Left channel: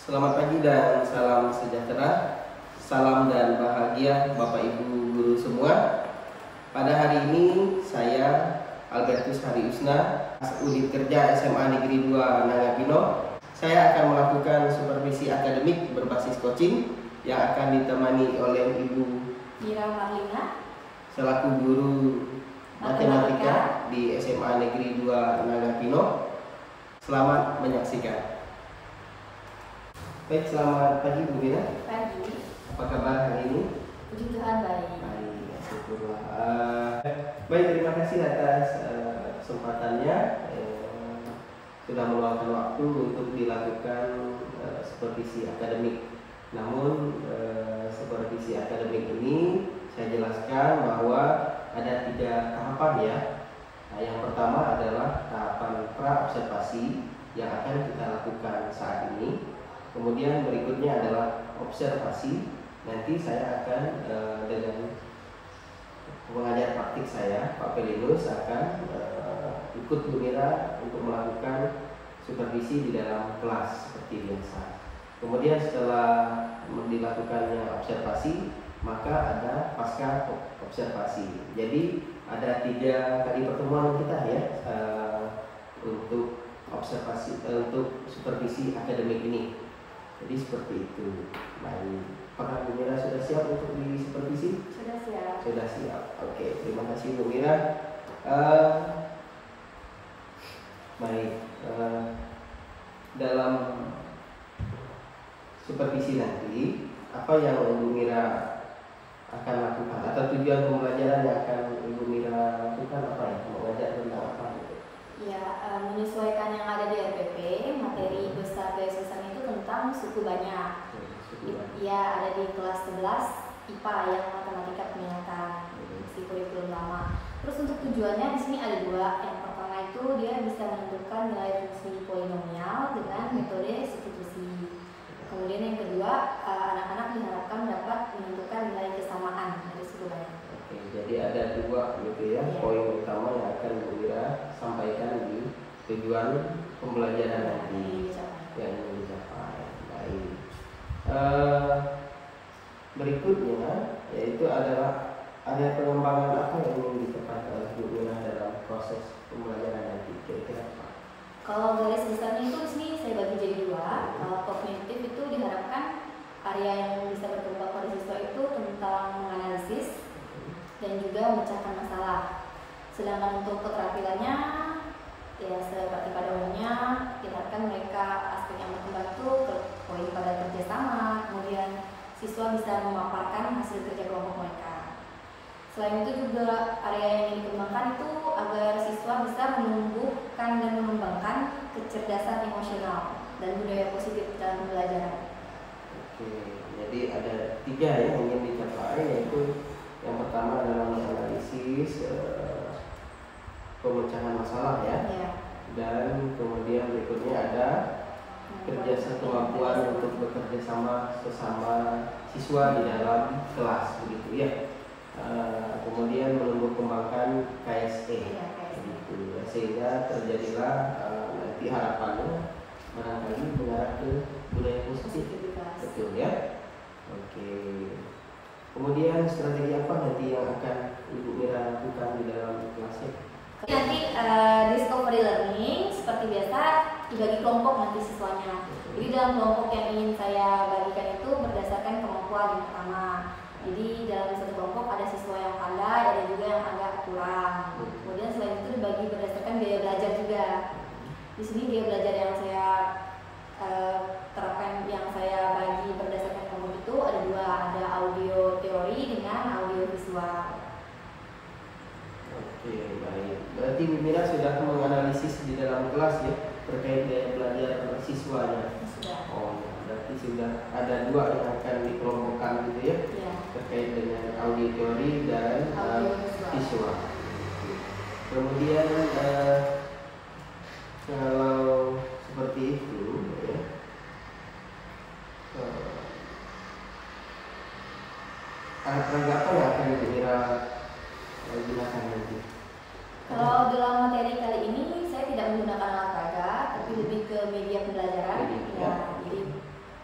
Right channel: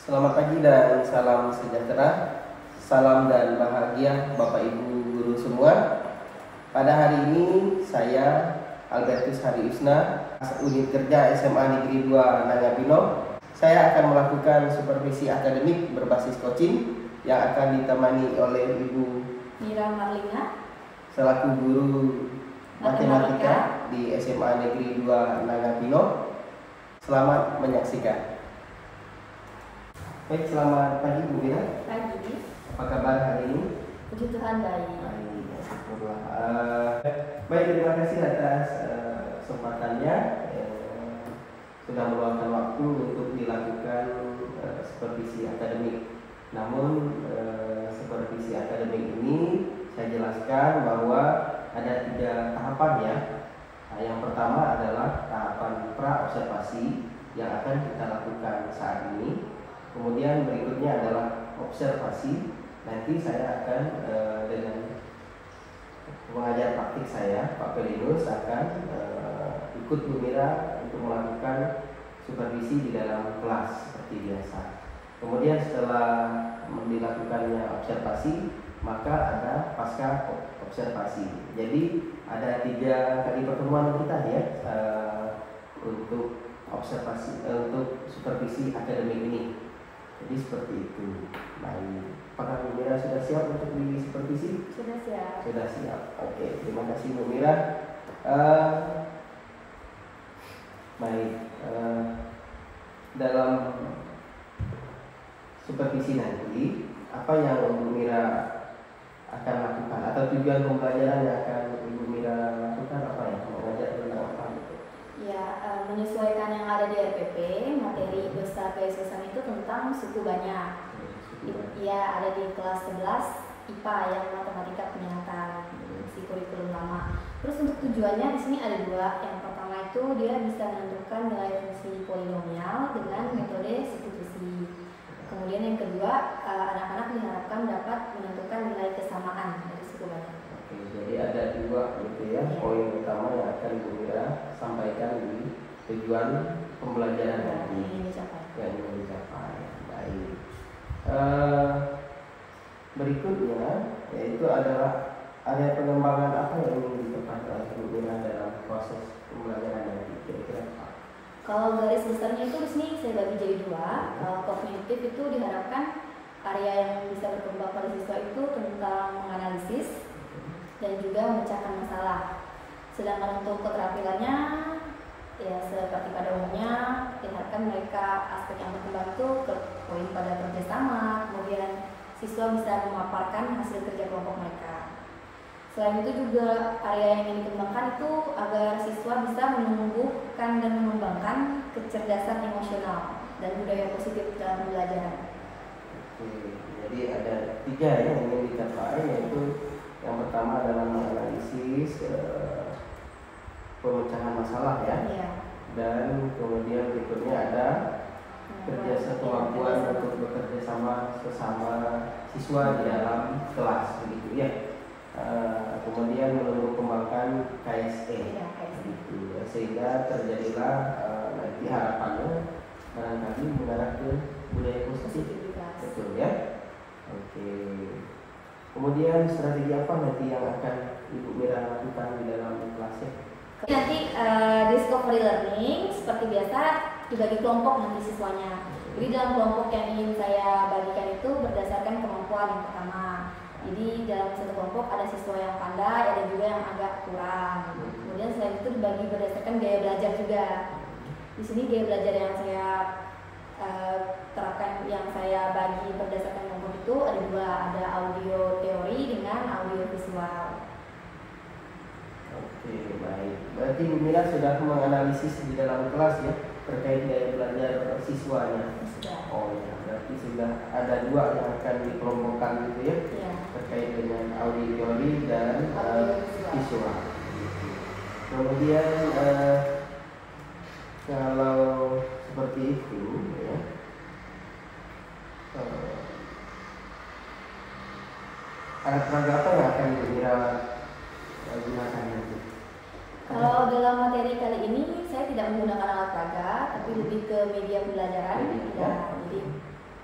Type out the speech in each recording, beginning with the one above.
Selamat pagi dan salam sejahtera, salam dan bahagia Bapak Ibu guru semua. Pada hari ini saya Albertus Hariusna, unit kerja SMA Negeri 2 Nangapino. Saya akan melakukan supervisi akademik berbasis coaching yang akan ditemani oleh Ibu Mira Marlina selaku guru matematika di SMA Negeri 2 Nangapino. Selamat menyaksikan. Baik, selamat pagi Bu Mira. pagi. Apa kabar hari ini? Puji Tuhan baik. Baik, syukurlah. Baik, terima kasih atas kesempatannya. Sudah meluangkan waktu untuk dilakukan supervisi akademik. Namun supervisi akademik ini saya jelaskan bahwa ada 3 tahapan ya. Yang pertama adalah tahapan pra-observasi yang akan kita lakukan saat ini. Kemudian berikutnya adalah observasi. Nanti saya akan dengan pengajar praktik saya, Pak Pelinus, akan ikut Bu Mira untuk melakukan supervisi di dalam kelas seperti biasa. Kemudian setelah dilakukannya observasi, maka ada pasca observasi. Jadi ada 3 kali pertemuan kita ya untuk observasi, untuk supervisi akademik ini. Jadi seperti itu. Baik, apakah Bu Mira sudah siap untuk disupervisi? Sudah siap. Sudah siap. Oke, terima kasih Bu Mira. Baik, dalam supervisi nanti apa yang Bu Mira akan lakukan atau tujuan pembelajaran yang akan Ibu Mira lakukan apa ya? Mengajar tentang apa gitu? Ya, menyesuaikan yang ada di RPP, materi besar keesokan itu tentang suku banyak. Ya, ada di kelas 11 IPA yang matematika peminatan, si kurikulum lama. Terus untuk tujuannya di sini ada 2. Yang pertama itu dia bisa menentukan nilai fungsi polinomial dengan metode substitusi. Kemudian yang kedua, anak-anak diharapkan dapat menentukan nilai kesamaan dari suku banyak. Oke, jadi ada 2 gitu ya, poin utama yang akan Bu Mira sampaikan di tujuan pembelajaran nanti yang ingin dicapai. Baik. Berikutnya yaitu adalah ada pengembangan apa yang ingin dicapai oleh Bu Mira dalam proses pembelajaran nanti, kira-kira apa? Kalau garis besarnya itu di sini saya bagi jadi 2. Kalau kognitif itu diharapkan area yang bisa berkembang pada siswa itu tentang menganalisis dan juga memecahkan masalah. Sedangkan untuk keterampilannya ya seperti pada umumnya diharapkan mereka aspek yang berkembang itu ke poin pada kerjasama, kemudian siswa bisa memaparkan hasil kerja kelompok mereka. Selain itu juga area yang ingin dikembangkan itu agar siswa bisa menumbuhkan dan mengembangkan kecerdasan emosional dan budaya positif dalam pembelajaran. Oke, jadi ada 3 yang ingin dicapai, yaitu yang pertama adalah menganalisis pemecahan masalah ya. Dan kemudian berikutnya ada kemampuan untuk bekerja sama sesama siswa di dalam kelas begitu ya. Kemudian menumbuh kembangkan KSE begitu ya, sehingga terjadilah nanti harapannya barangkali mengarah ke budaya positif, betul ya. Oke. Kemudian strategi apa nanti yang akan Ibu Mira lakukan di dalam kelasnya? Nanti discovery learning seperti biasa dibagi kelompok nanti siswanya. Jadi dalam kelompok yang ingin saya bagikan itu berdasarkan kemampuan yang pertama. Jadi dalam satu kelompok ada siswa yang pandai, ada juga yang agak kurang. Kemudian selain itu dibagi berdasarkan gaya belajar juga. Di sini gaya belajar yang saya terapkan, yang saya bagi berdasarkan kelompok itu ada 2, ada audio teori dengan audio visual. Oke, baik. Berarti Bu Mira sudah menganalisis di dalam kelas ya terkait gaya belajar siswanya. Sudah. Oh ya, berarti sudah ada 2 yang akan dikelompokkan gitu ya, terkait dengan audio teori dan visual. Kemudian kalau seperti itu ya, alat peraga apa yang akan Bu Mira gunakan nanti? Kalau dalam materi kali ini saya tidak menggunakan alat peraga, tapi lebih ke media pembelajaran. Ya, jadi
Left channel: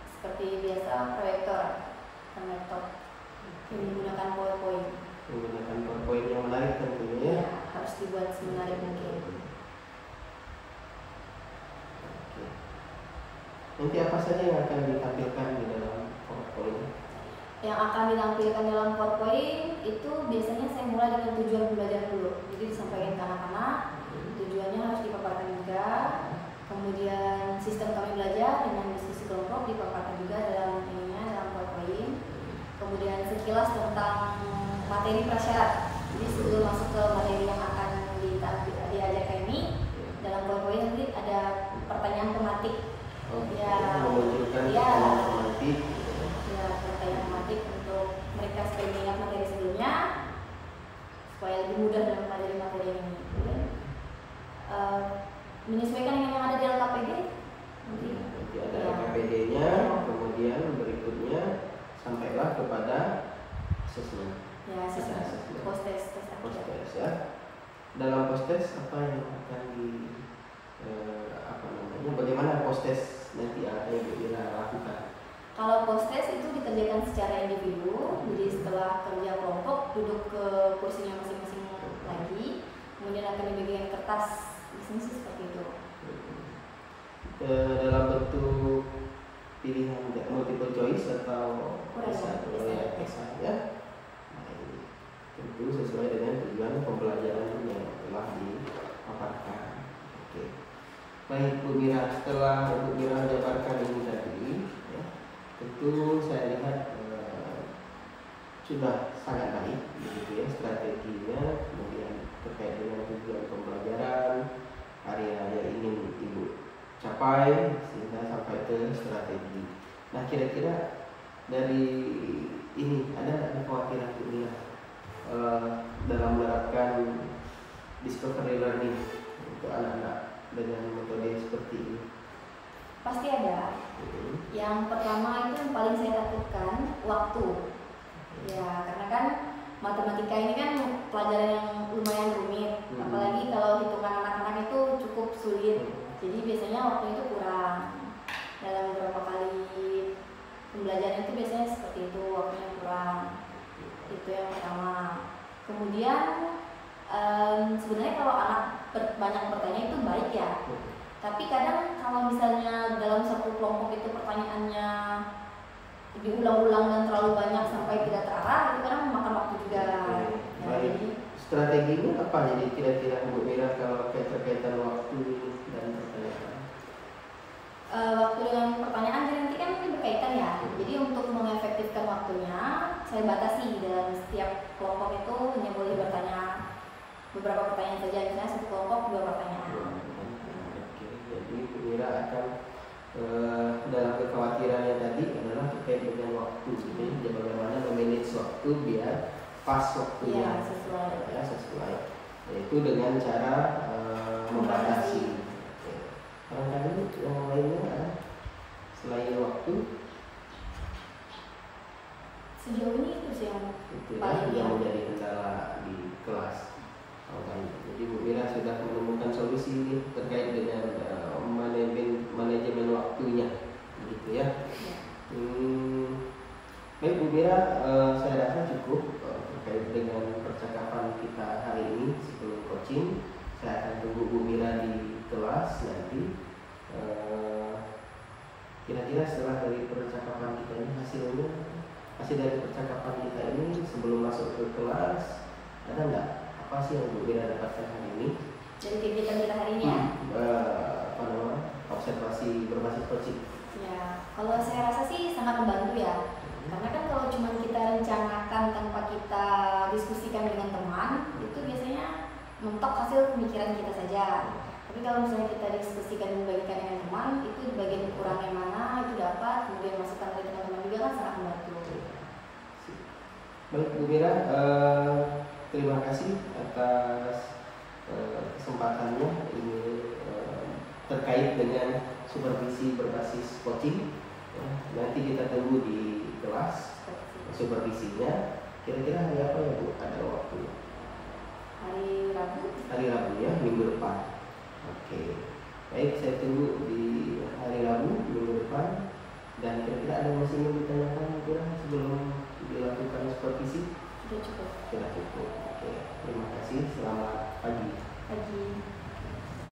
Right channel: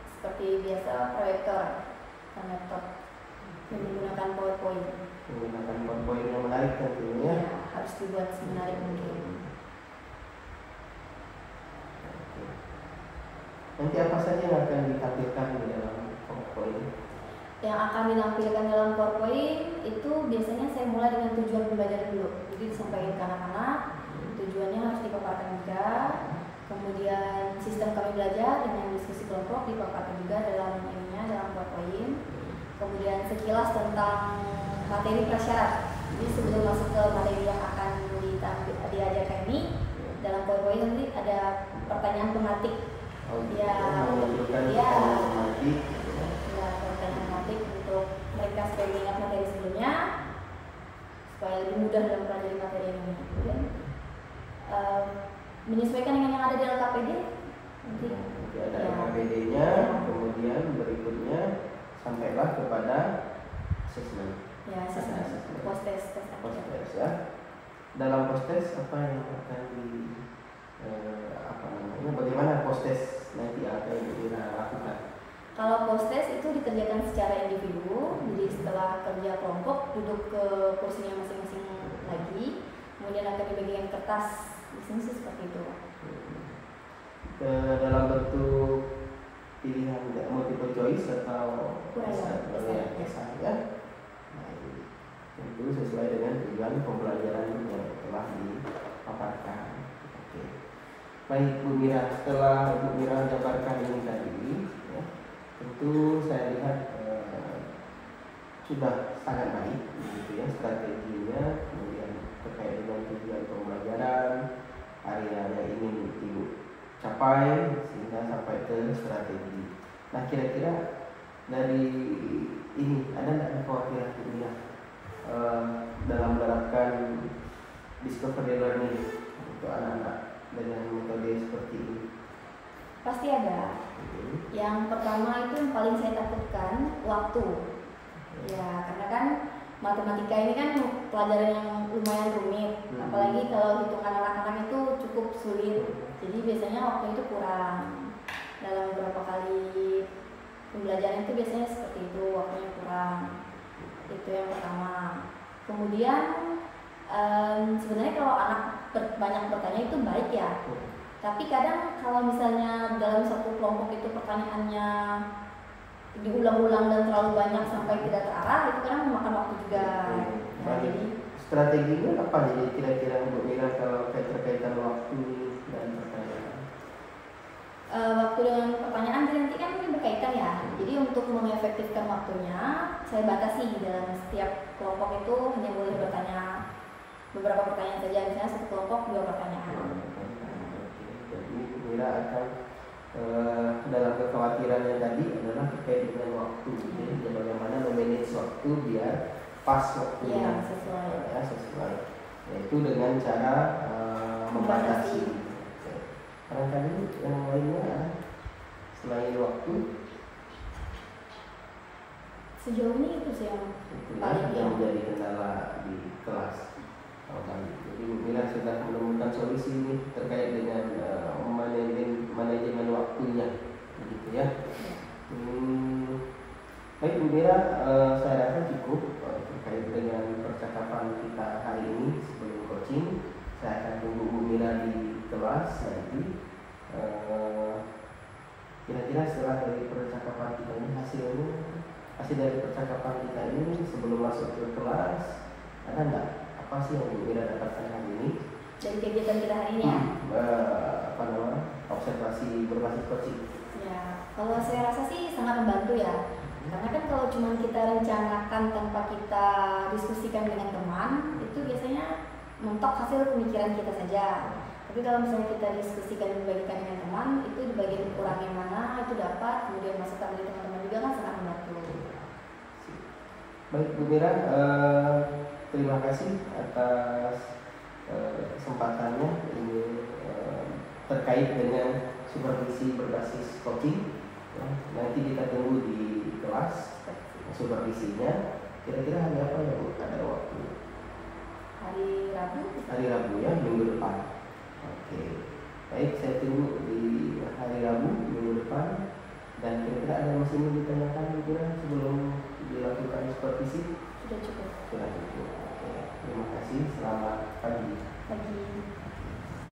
seperti biasa proyektor dan laptop yang menggunakan PowerPoint. Menggunakan PowerPoint yang menarik tentunya. Ya, harus dibuat semenarik mungkin. Oke. Nanti apa saja yang akan ditampilkan di dalam PowerPoint? Yang akan ditampilkan dalam PowerPoint itu biasanya saya mulai dengan tujuan pembelajaran dulu. Jadi disampaikan ke anak-anak, tujuannya harus dipaparkan juga. Kemudian sistem kami belajar dengan diskusi kelompok dipaparkan juga dalam PowerPoint. Kemudian sekilas tentang materi prasyarat. Jadi sebelum masuk ke materi yang akan diajarkan ini, dalam PowerPoint nanti ada pertanyaan tematik. Menunjukkan pertanyaan tematik. Ya, pertanyaan tematik untuk mereka supaya mengingat materi sebelumnya, supaya lebih mudah dalam mempelajari materi ini. Kemudian menyesuaikan dengan yang ada di LKPD. Nanti ada LKPD-nya, kemudian berikutnya sampailah kepada asesmen. Ya, asesmen. Post-test. Post-test ya. Dalam post-test apa yang akan bagaimana post-test nanti akan dilakukan? Kalau post-test itu dikerjakan secara individu, jadi setelah kerja kelompok duduk ke kursinya masing-masing lagi, kemudian akan dibagikan kertas. Di sini sih seperti itu. Dalam bentuk pilihan multiple choice atau esai ya. Nah, tentu sesuai dengan tujuan pembelajaran yang telah dipaparkan. Oke. Baik Bu Mira, setelah Bu Mira menjabarkan ini tadi, ya, tentu saya lihat sudah sangat baik, begitu ya strateginya, kemudian terkait dengan tujuan pembelajaran, area yang ingin Ibu capai sehingga sampai ke strategi. Nah, kira-kira dari ini ada nggak kekhawatiran Bu Mira dalam menerapkan discovery learning untuk anak-anak dengan metode seperti ini? Pasti ada. Yang pertama itu yang paling saya takutkan waktu. Ya, karena kan matematika ini kan pelajaran yang lumayan rumit, apalagi kalau hitungan anak-anak itu cukup sulit. Jadi biasanya waktu itu kurang. Dalam beberapa kali pembelajaran itu biasanya seperti itu, waktunya kurang. Itu yang pertama. Kemudian sebenarnya kalau anak banyak bertanya itu baik ya. Tapi kadang kalau misalnya dalam satu kelompok itu pertanyaannya diulang-ulang dan terlalu banyak sampai tidak terarah, itu kadang memakan waktu juga. Nah, jadi strateginya apa jadi kira-kira Bu Mira kalau terkaitan waktu dan pertanyaan? Waktu dengan pertanyaan nanti kan ini berkaitan ya. Jadi untuk mengefektifkan waktunya, saya batasi dalam setiap kelompok itu hanya boleh bertanya beberapa pertanyaan saja, misalnya satu kelompok 2 pertanyaan. Jadi Bu Mira akan dalam kekhawatirannya tadi adalah terkait dengan waktu, jadi bagaimana memanage waktu biar pas waktunya, sesuai, yaitu dengan cara membatasi. Barangkali yang lainnya ada selain waktu. Sejauh ini itu sih yang paling yang menjadi kendala di kelas. Baik. Jadi Bu Mira sudah menemukan solusi ini terkait dengan manajemen waktunya, begitu ya. Baik Bu Mira, saya rasa cukup terkait dengan percakapan kita hari ini. Sebelum coaching, saya akan tunggu Bu Mira di kelas nanti. Kira-kira setelah dari percakapan kita ini hasil dari percakapan kita ini sebelum masuk ke kelas, ada nggak apa sih yang Bu Mira dapatkan hari ini dari kegiatan kita hari ini ya? Observasi berbasis coaching. Ya, kalau saya rasa sih sangat membantu ya. Karena kan kalau cuma kita rencanakan tanpa kita diskusikan dengan teman, itu biasanya mentok hasil pemikiran kita saja. Tapi kalau misalnya kita diskusikan dan membagikan dengan teman, itu di bagian kurang yang mana itu dapat, kemudian masukan dari teman-teman juga kan sangat membantu. Baik Bu Mira, terima kasih atas kesempatannya ini terkait dengan supervisi berbasis coaching. Ya, nanti kita tunggu di kelas supervisinya. Kira-kira hari apa ya Bu? Ada waktu? Hari Rabu. Hari Rabu ya, minggu depan. Oke. Baik, saya tunggu di hari Rabu minggu depan. Dan kira-kira Tidak ada yang masih ingin ditanyakan kira sebelum dilakukan supervisi? Sudah cukup. Sudah cukup. Oke, terima kasih. Selamat pagi. Pagi.